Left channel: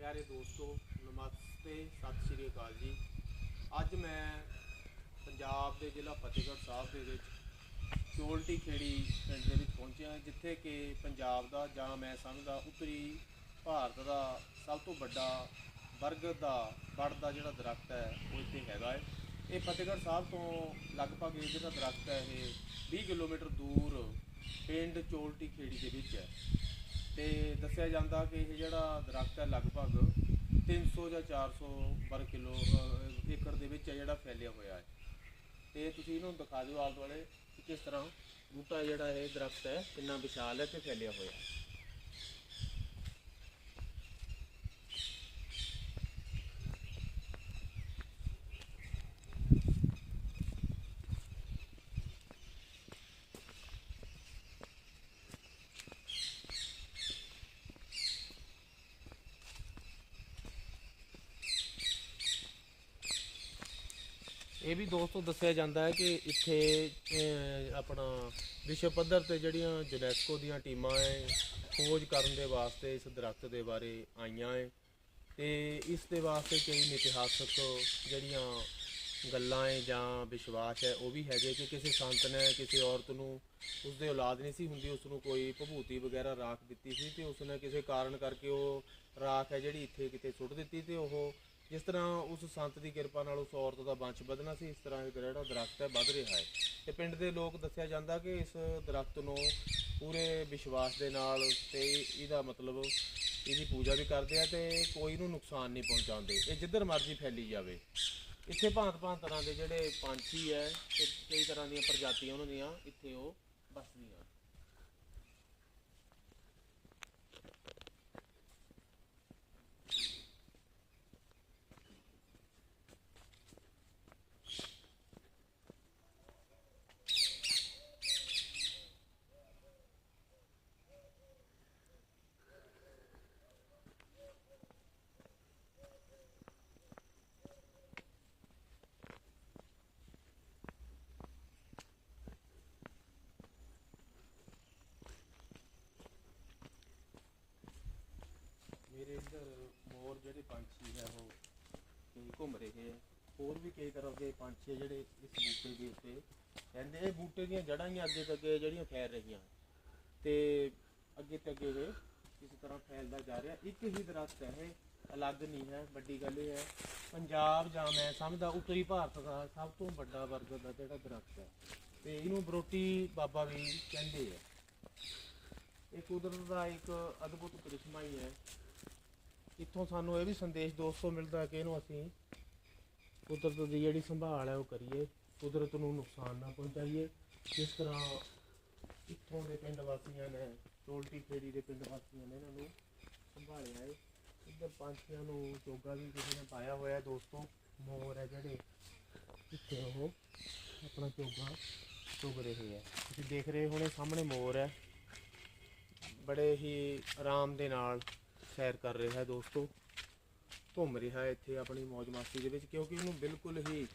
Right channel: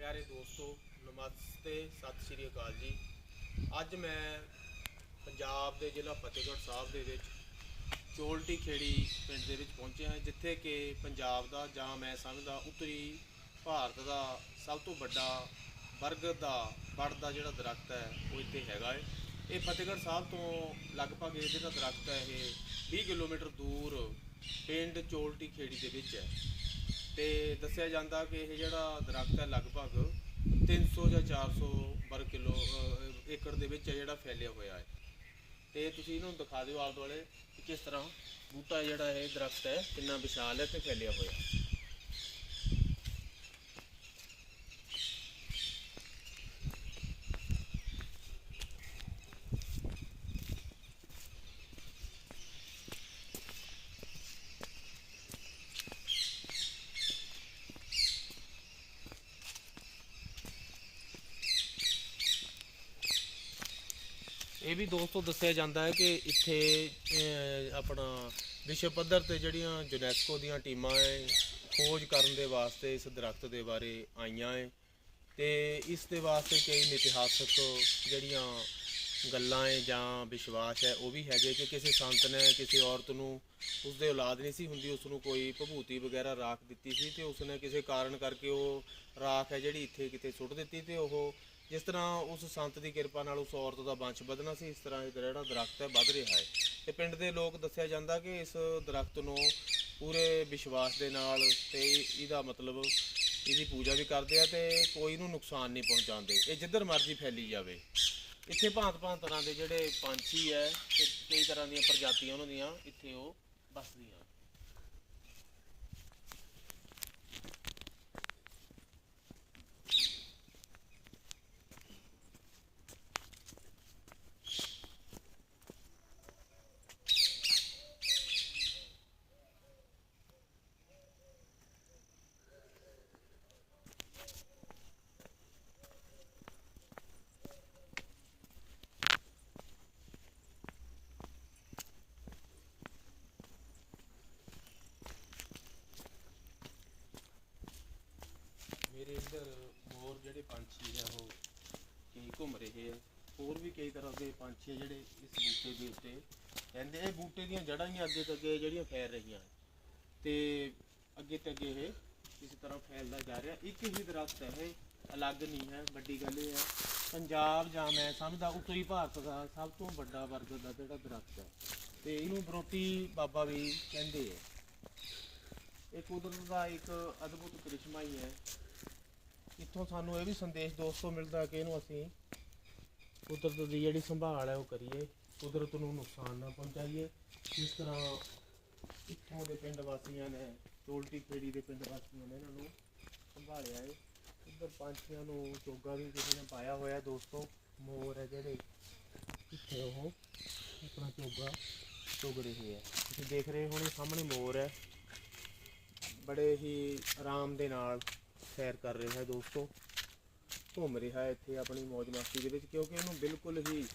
ਪਿਆਰੇ ਦੋਸਤੋ, ਨਮਸਤੇ, ਸਤਿ ਸ਼੍ਰੀ ਅਕਾਲ ਜੀ। ਅੱਜ ਮੈਂ ਪੰਜਾਬ ਦੇ ਜ਼ਿਲ੍ਹਾ ਫਤਿਹਗੜ੍ਹ ਸਾਹਿਬ ਦੇ ਵਿੱਚ ਚੋਲਟੀ ਖੇੜੀ ਪਿੰਡ ਦੇ ਵਿੱਚ ਪਹੁੰਚਿਆ ਜਿੱਥੇ ਕਿ ਪੰਜਾਬ ਦਾ ਜਾਂ ਮੈਂ ਸਮਝਦਾ ਉੱਤਰੀ ਭਾਰਤ ਦਾ ਸਭ ਤੋਂ ਵੱਡਾ ਬਰਗਦ ਦਾ ਬੜ ਦਾ ਜਿਹੜਾ ਦਰਖਤ ਹੈ, ਉਹ ਇੱਥੇ ਹੈਗਾ ਹੈ। ਇਹ ਫਤਿਹਗੜ੍ਹ ਸਾਹਿਬ ਤੋਂ ਲਗਭਗ ਇਹ ਜਿਹੜਾ ਦਰਖਤ ਹੈ, ਇਹ 20 ਕਿਲੋਮੀਟਰ ਦੂਰ ਪਿੰਡ ਚੋਲਟੀ ਖੇੜੀ ਦੇ ਵਿੱਚ ਹੈ। ਤੇ ਦੱਸਿਆ ਜਾਂਦਾ ਕਿ ਇਹ ਜਿਹੜਾ ਦਰਖਤ ਹੈ ਲਗਭਗ 300 ਜਾਂ 400 ਵਰਗ ਕਿਲੋ ਅਹ, ਏਕੜ ਦੇ ਵਿੱਚ ਹੈ ਜਿਹੜਾ ਫੈਲਿਆ ਹੋਇਆ ਹੈ। ਤੇ ਤੁਸੀਂ ਇਹਨੂੰ ਦਿਖਾ ਦਿਓ ਆਲੇ ਦੁਆਲੇ ਕਿ ਕਿਸ ਤਰ੍ਹਾਂ ਬੂਟਾ ਜਿਹੜਾ ਇਹ ਦਰਖਤ ਹੈ ਕਿੰਨਾ ਵਿਸ਼ਾਲ ਹੈ ਤੇ ਫੈਲਿਆ ਹੋਇਆ। ਇਹ ਵੀ ਦੋਸਤੋ ਦੱਸਿਆ ਜਾਂਦਾ ਹੈ ਕਿ ਇੱਥੇ ਆਪਣਾ ਵਿਸ਼ਵ ਪੱਧਰ ਤੇ ਜਿਹੜੀਆਂ ਯੂਨੈਸਕੋ ਦੀਆਂ ਟੀਮਾਂ ਹੈ ਖੋਜ ਕਰਨ ਦੇ ਵਾਸਤੇ ਇਸ ਦਰਖਤ ਦੇ ਬਾਰੇ ਆਈਆਂ ਹੈ ਤੇ ਇਸ ਦੇ ਵਾਸਤੇ ਕਈ ਇਤਿਹਾਸਕ ਜਿਹੜੀਆਂ ਗੱਲਾਂ ਹੈ ਜਾਂ ਵਿਸ਼ਵਾਸ ਹੈ ਉਹ ਵੀ ਹੈਗੇ ਕਿ ਕਿਸੇ ਸੰਤ ਨੇ, ਕਿਸੇ ਔਰਤ ਨੂੰ ਉਸਦੇ ਔਲਾਦ ਨਹੀਂ ਸੀ ਹੁੰਦੀ ਉਸ ਨੂੰ ਕੋਈ ਭਭੂਤੀ ਵਗੈਰਾ ਰਾਖ ਦਿੱਤੀ ਸੀ ਤੇ ਉਸਨੇ ਕਿਸੇ ਕਾਰਨ ਕਰਕੇ ਉਹ ਰਾਖ ਹੈ ਜਿਹੜੀ ਇੱਥੇ ਕਿਤੇ ਸੁੱਟ ਦਿੱਤੀ ਤੇ ਉਹ ਜਿਸ ਤਰ੍ਹਾਂ ਉਸ ਸੰਤ ਦੀ ਕਿਰਪਾ ਨਾਲ ਉਸ ਔਰਤ ਦਾ ਵੰਸ਼ ਵਧਣਾ ਸੀ, ਇਸ ਤਰ੍ਹਾਂ ਇਹ ਜਿਹੜਾ ਦਰਖਤ ਹੈ ਵੱਧ ਰਿਹਾ ਹੈ। ਤੇ ਪਿੰਡ ਦੇ ਲੋਕ ਦੱਸਿਆ ਜਾਂਦਾ ਕਿ ਇਸ ਦਰਖਤ ਨੂੰ ਪੂਰੇ ਵਿਸ਼ਵਾਸ ਦੇ ਨਾਲ ਤੇ ਇਹਦਾ ਮਤਲਬ ਇਹਦੀ ਪੂਜਾ ਵੀ ਕਰਦੇ ਆ ਤੇ ਕੋਈ ਨੂੰ ਨੁਕਸਾਨ ਨਹੀਂ ਪਹੁੰਚਾਉਂਦੇ। ਇਹ ਜਿੱਧਰ ਮਰਜ਼ੀ ਫੈਲੀ ਜਾਵੇ। ਇੱਥੇ ਭਾਂਤ ਭਾਂਤ ਤਰ੍ਹਾਂ ਦੇ ਜਿਹੜੇ ਪੰਛੀ ਹੈ ਤੇ ਕਈ ਤਰ੍ਹਾਂ ਦੀਆਂ ਪ੍ਰਜਾਤੀਆਂ ਉਹਨਾਂ ਦੀਆਂ ਇੱਥੇ ਉਹ ਬਸਦੀਆਂ ਹਨ ਇੱਧਰ ਹੋਰ ਜਿਹੜੇ ਪੰਛੀ ਹੈ ਉਹ ਕਈ ਘੁੰਮ ਰਹੇ ਆ। ਹੋਰ ਵੀ ਕਈ ਤਰ੍ਹਾਂ ਦੇ ਪੰਛੀ ਆ ਜਿਹੜੇ ਇਸ ਬੂਟੇ ਦੇ ਉੱਤੇ ਰਹਿੰਦੇ ਇਹ ਬੂਟੇ ਦੀਆਂ ਜੜ੍ਹਾਂ ਹੀ ਅੱਗੇ ਤੱਕ ਜਿਹੜੀਆਂ ਫੈਲ ਰਹੀਆਂ। ਤੇ ਅੱਗੇ ਤੱਕ ਇਹ ਇਸ ਤਰ੍ਹਾਂ ਫੈਲਦਾ ਜਾ ਰਿਹਾ। ਇੱਕ ਹੀ ਦਰਖਤ ਹੈ ਇਹ, ਅਲੱਗ ਨਹੀਂ ਹੈ, ਵੱਡੀ ਗੱਲ ਇਹ ਹੈ। ਪੰਜਾਬ ਜਾਂ ਮੈਂ ਸਮਝਦਾ ਉੱਤਰੀ ਭਾਰਤ ਦਾ ਸਭ ਤੋਂ ਵੱਡਾ ਵਰਗ ਦਾ ਜਿਹੜਾ ਦਰਖਤ ਹੈ ਤੇ ਇਹਨੂੰ ਬਰੋਟੀ ਬਾਬਾ ਵੀ ਕਹਿੰਦੇ ਆ। ਇਹ ਕੁਦਰਤ ਦਾ ਇੱਕ ਅਦਭੁਤ ਕ੍ਰਿਸ਼ਮਾ ਹੀ ਹੈ। ਇੱਥੋਂ ਸਾਨੂੰ ਇਹ ਵੀ ਸੰਦੇਸ਼ ਦੋਸਤੋ ਮਿਲਦਾ ਕਿ ਇਹਨੂੰ ਅਸੀਂ ਕੁਦਰਤ ਦੀ ਜਿਹੜੀ ਸੰਭਾਲ ਹੈ ਉਹ ਕਰੀਏ, ਕੁਦਰਤ ਨੂੰ ਨੁਕਸਾਨ ਨਾ ਪਹੁੰਚਾਈਏ। ਜਿਸ ਤਰ੍ਹਾਂ ਇੱਥੋਂ ਦੇ ਪਿੰਡ ਵਾਸੀਆਂ ਨੇ, ਟੋਲਟੀ ਪੇੜੀ ਦੇ ਪਿੰਡ ਵਾਸੀਆਂ ਨੇ ਇਹਨਾਂ ਨੂੰ ਸੰਭਾਲਿਆ ਹੈ ਇੱਧਰ ਪੰਛੀਆਂ ਨੂੰ ਚੋਗਾ ਵੀ ਕਿਸੇ ਨੇ ਪਾਇਆ ਹੋਇਆ ਦੋਸਤੋ, ਮੋਰ ਹੈ ਜਿਹੜੇ। ਇੱਥੇ ਉਹ ਆਪਣਾ ਚੋਗਾ ਚੁਗ ਰਹੀ ਹੈ। ਤੁਸੀਂ ਦੇਖ ਰਹੇ ਹੋਣੇ ਸਾਹਮਣੇ ਮੋਰ ਹੈ। ਬੜੇ ਹੀ ਆਰਾਮ ਦੇ ਨਾਲ ਸੈਰ ਕਰ ਰਿਹਾ ਹੈ ਦੋਸਤੋ। ਘੁੰਮ ਰਿਹਾ ਹੈ ਇੱਥੇ ਆਪਣੀ ਮौज ਮਸਤੀ ਦੇ ਵਿੱਚ ਕਿਉਂਕਿ ਉਹਨੂੰ ਬਿਲਕੁਲ ਹੀ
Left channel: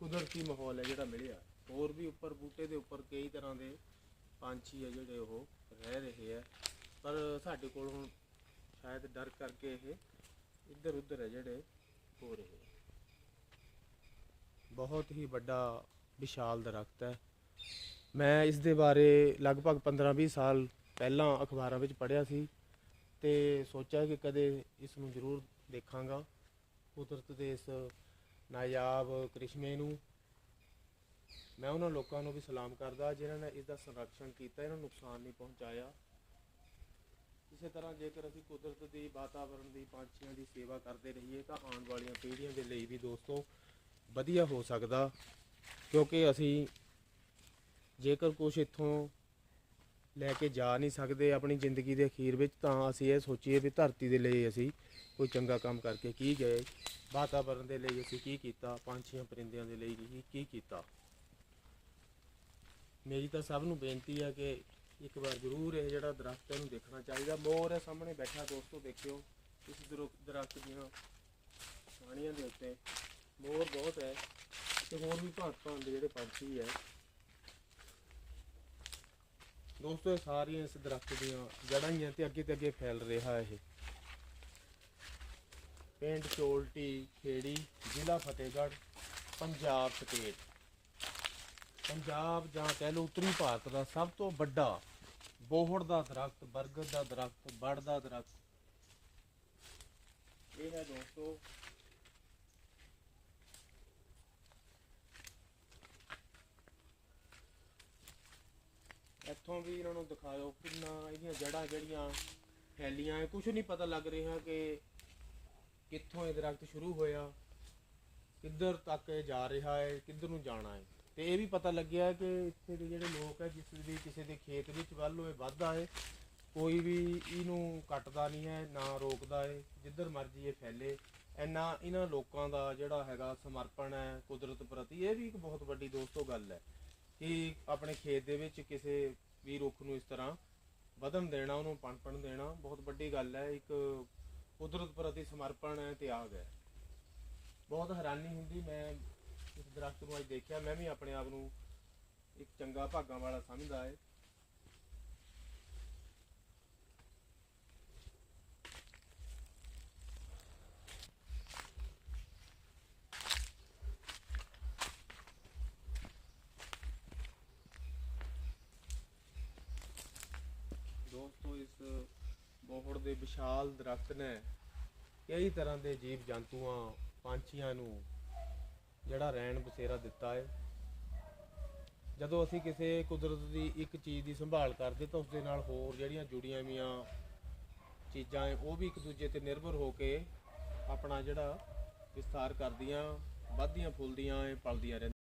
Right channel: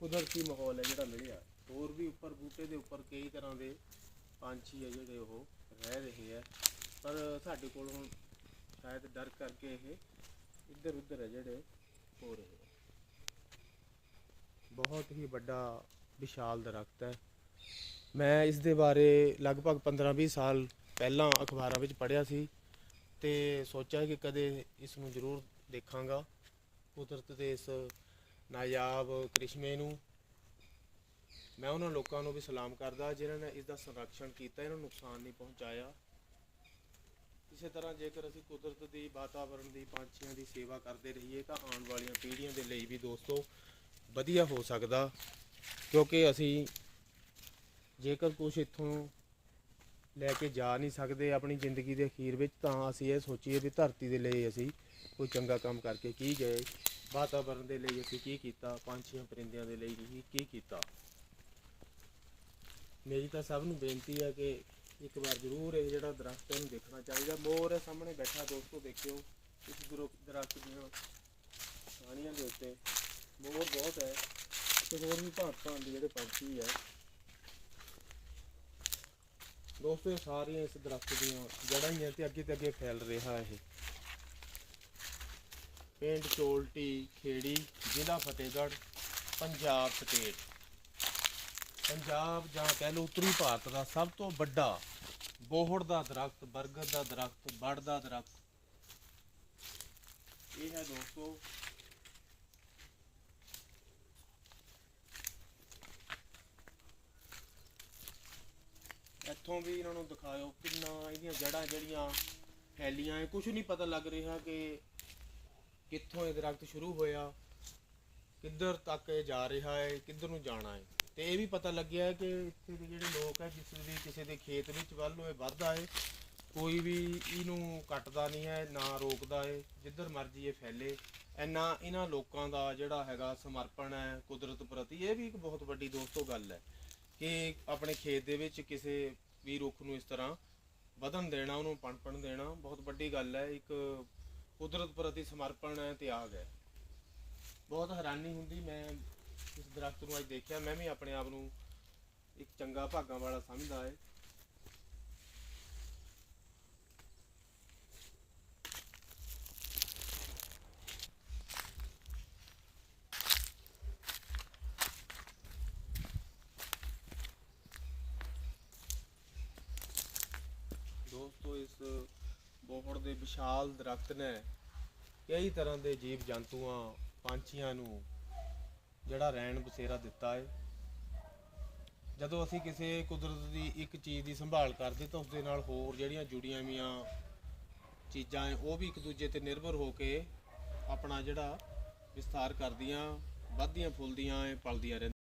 ਕੁਦਰਤੀ ਮਾਹੌਲ ਹੈ ਜਿਹੜਾ ਮਿਲਿਆ। ਹੋਰ ਵੀ ਉੱਪਰ ਬੂਟੇ ਦੇ ਉੱਪਰ ਕਈ ਤਰ੍ਹਾਂ ਦੇ ਪੰਛੀ ਹੈ ਜਿਹੜੇ ਉਹ ਰਹਿ ਰਹੇ ਹੈ। ਪਰ ਸਾਡੇ ਕੋਲ ਹੁਣ ਸ਼ਾਇਦ ਡਰ ਕਰਕੇ ਇਹ ਇੱਧਰ ਉੱਧਰ ਹੈ ਜਿਹੜੇ ਹੋ ਰਹੇ ਬਹੁਤ ਹੀ ਵੱਡਾ ਵਿਸ਼ਾਲ ਦਰਖਤ ਹੈ। ਮੈਂ ਇਸ ਦੇ ਬਾਰੇ ਲਗਭਗ 15-20 ਸਾਲ ਪਹਿਲਾਂ ਅਖਬਾਰਾਂ ਵਿੱਚ ਪੜ੍ਹਿਆ ਸੀ। ਤੇ ਸੋਚਿਆ ਕਿ ਕਦੇ ਇਸ ਨੂੰ ਜ਼ਰੂਰ ਦੇਖਾਂਗਾ। ਕੁਦਰਤ ਦੇ ਇਸ ਨਾਯਾਬ ਕ੍ਰਿਸ਼ਮੇ ਨੂੰ। ਮੈਂ ਉਹਨਾਂ ਲੋਕਾਂ ਨੂੰ ਵੀ ਸਲਾਮ ਕਰਦਾ ਜਿਨ੍ਹਾਂ ਨੇ ਇਸ ਦਾ ਸੰਰਕਸ਼ਣ ਕੀਤਾ, ਇਹਨਾਂ ਨੂੰ ਨੁਕਸਾਨ ਨਹੀਂ ਪਹੁੰਚਾਇਆ। ਇਸੇ ਤਰ੍ਹਾਂ ਜੇਕਰ ਅਸੀਂ ਕੁਦਰਤ ਦੀ ਵਾਤਾਵਰਣ ਦੀ, ਪੰਛੀਆਂ ਦੀ ਸੇਵਾ ਕਰਦੇ ਰਹੀਏ, ਤਾਂ ਆਉਣ ਵਾਲੀਆਂ ਪੀੜ੍ਹੀਆਂ ਦੇ ਲਈ ਵੀ ਦੋਸਤੋ ਵਧੀਆ ਹੋ ਸਕਦਾ। ਕਿਉਂਕਿ ਅਸੀਂ ਜੇਕਰ ਕੁਝ ਇੱਥੋਂ ਲੈ ਕੇ ਜਾ ਨਹੀਂ ਸਕਦੇ ਆਪਣੀ ਜ਼ਿੰਦਗੀ ਦੇ ਅਖੀਰ ਵਿੱਚ, ਤਾਂ ਅਸੀਂ ਇਹ ਸੋਚੀਏ ਵੀ ਧਰਤੀ ਦੇ ਲਈ ਅਸੀਂ ਕੋਈ ਚੰਗਾ ਕੰਮ ਕਰਕੇ ਕੀ ਗਏ ਵਾਤਾਵਰਣ ਦੇ ਲਈ ਅਸੀਂ ਕੀ ਕੀਤਾ, ਪੰਛੀਆਂ ਪਰਿੰਦਿਆਂ ਦੇ ਲਈ ਵੀ ਕੀ ਕੀਤਾ। ਮੇਰੀ ਤਾਂ ਸਭ ਨੂੰ ਬੇਨਤੀ ਹੈ ਕਿ ਇੱਕ ਵਾਰ ਜ਼ਰੂਰ ਇਹ ਜਿਹੜਾ ਦਰਖਤ ਇਹਨੂੰ ਦੇਖਣਾ ਚਾਹੀਦਾ। ਮੋਰ ਹੈ, ਸਾਹਮਣੇ ਬੈਠਾ ਦੋਸਤੋ, ਦੇਖਿਓ। ਇਸ ਦਰੁ- ਦਰਖਤ ਦੀਆਂ ਟਾਹਣੀਆਂ ਦੇ ਉੱਤੇ ਮੋਰ ਬਹੁਤ ਹੈ। ਤੇ ਹੋਰ ਵੀ ਭਾਂਤ ਭਾਂਤ ਦੇ ਜਿਹੜੇ ਪੰਛੀ ਹੈ ਦੋਸਤੋ, ਇਹ ਸਾਰੀਆਂ ਇਸ ਦਰਖਤ ਦੀਆਂ ਜੜ੍ਹਾਂ ਹੀ ਹੈ ਤੇ ਅੱਗੇ ਤੇ ਅੱਗੇ ਫੈਲ ਰਿਹਾ ਇਹ। ਪਿੰਡ ਚੋਲਟੀ, ਖੇੜੀ, ਜ਼ਿਲ੍ਹਾ ਫਤਿਹਗੜ੍ਹ, ਪੰਜਾਬ ਸਟੇਟ। ਪੰਜਾਬ ਜਾਂ ਕਹਿ ਲਓ ਉੱਤਰੀ ਭਾਰਤ ਦਾ ਸਭ ਤੋਂ ਵੱਡਾ ਬੋਹੜ ਦਾ ਦਰਖਤ, ਬਰਗਦ ਦਾ ਦਰਖਤ, ਬੜ ਦਾ ਦਰਖਤ। ਇਹ ਹੈ ਦੋਸਤੋ ਇੱਥੋਂ ਵੀ ਇਹਨਾਂ ਨੂੰ ਦਿਖਾਇਓ ਕਿੰਨਾ ਇਹਦੀਆਂ ਜੜਾਂ ਜਿਹੜੀਆਂ ਫੈਲੀਆਂ ਕੁਝ ਨਹੀਂ ਪਤਾ ਲੱਗ ਰਿਹਾ ਕਿ ਕਿੱਥੋਂ ਇਹ ਦਰਖਤ ਸ਼ੁਰੂ ਹੋਇਆ, ਕਿੱਧਰ ਤੱਕ ਇਹ ਜਾ ਰਿਹਾ ਹੈ ਕਿੱਧਰ ਨੂੰ ਜਾਣਾ ਹੈ ਤੇ ਇਹ ਵੀ ਪਤਾ ਲੱਗਿਆ ਕਿ ਇੱਥੇ ਦੇ ਜਿਹੜੇ ਲੋਕ ਹੈ ਜਿਸ ਦੀ ਕਿਸੇ ਦੇ ਖੇਤ ਵਿੱਚ ਵੱਲ ਨੂੰ ਇਹ ਵੱਧਦਾ ਹੈ ਕੋਈ ਵੀ ਇਹਨੂੰ ਕੱਟਦਾ ਨਹੀਂ ਹੈ ਨਾ ਰੋਕਦਾ ਹੈ ਜਿੱਧਰ ਮਰਜ਼ੀ ਇਹ ਫੈਲੇ। ਇੰਨਾ ਇਹਨਾਂ ਲੋਕਾਂ ਦਾ ਜਿਹੜਾ ਹੈਗਾ ਸਮਰਪਣ ਹੈ ਕੁਦਰਤ ਪ੍ਰਤੀ, ਇਹ ਵੀ ਇੱਕ ਬਹੁਤ ਵੱਡੀ ਦੋਸਤੋ ਗੱਲ ਹੈ ਕਿ ਆਪਣੇ ਖੇਤ ਦੇ ਵਿੱਚ ਕਿਸੇ ਵੀ ਰੁੱਖ ਨੂੰ ਇਸ ਤਰ੍ਹਾਂ ਵਧਣ ਦੇਣਾ, ਉਹਨੂੰ ਪਣਪਣ ਦੇਣਾ, ਬਹੁਤ ਵੱਡੀ ਗੱਲ ਹੈ, ਇੱਕ ਕੁਦਰਤ ਪ੍ਰਤੀ ਸਮਰਪਣ ਹੈ, ਤਿਆਗ ਹੈ। ਬਹੁਤ ਹੈਰਾਨੀ ਹੁੰਦੀ, ਮੈਂ ਇਸ ਦਰਖਤ ਨੂੰ ਅੱਜ ਦੇਖਿਆ, ਮੈਂ ਵੀ ਆਪਣੇ ਆਪ ਨੂੰ ਇੱਕ ਚੰਗਾ ਭਾਗਾਂ ਵਾਲਾ ਸਮਝਦਾ ਹੈ ਦੋਸਤੋ, ਇਸ ਬੋਹੜ ਦੇ ਵਿਸ਼ਾਲ ਦਰਖਤ ਨੇ ਕਈ ਤਰ੍ਹਾਂ ਦੇ ਜੀਵ ਜੰਤੂਆਂ, ਪੰਛੀਆਂ ਨੂੰ ਜਿਹੜਾ ਰਹਿਣ ਬਸੇਰਾ ਦਿੱਤਾ ਹੈ ਜਦੋਂ ਅਸੀਂ ਕਿਸੇ ਕੁਦਰਤ ਦੀ ਇੱਕ ਚੀਜ਼ ਦੀ ਸੰਭਾਲ ਕਰਦੇ ਤਾਂ ਉਸ ਦੇ ਨਾਲ ਹੋਰ ਜਿਹੜੀਆਂ ਜੁੜੀਆਂ ਵੀਆਂ ਚੀਜ਼ਾਂ ਹੈ ਉਹ ਵੀ ਇੱਕ ਦੂਜੇ ਤੇ ਨਿਰਭਰ ਹੋ ਕੇ ਆਪਣਾ ਜਿਹੜਾ ਵਿਸਥਾਰ ਕਰਦੀਆਂ, ਵੱਧਦੀਆਂ, ਫੁੱਲਦੀਆਂ ਹੈ ਪਲਦੀਆਂ ਰਹਿੰਦੀਆਂ।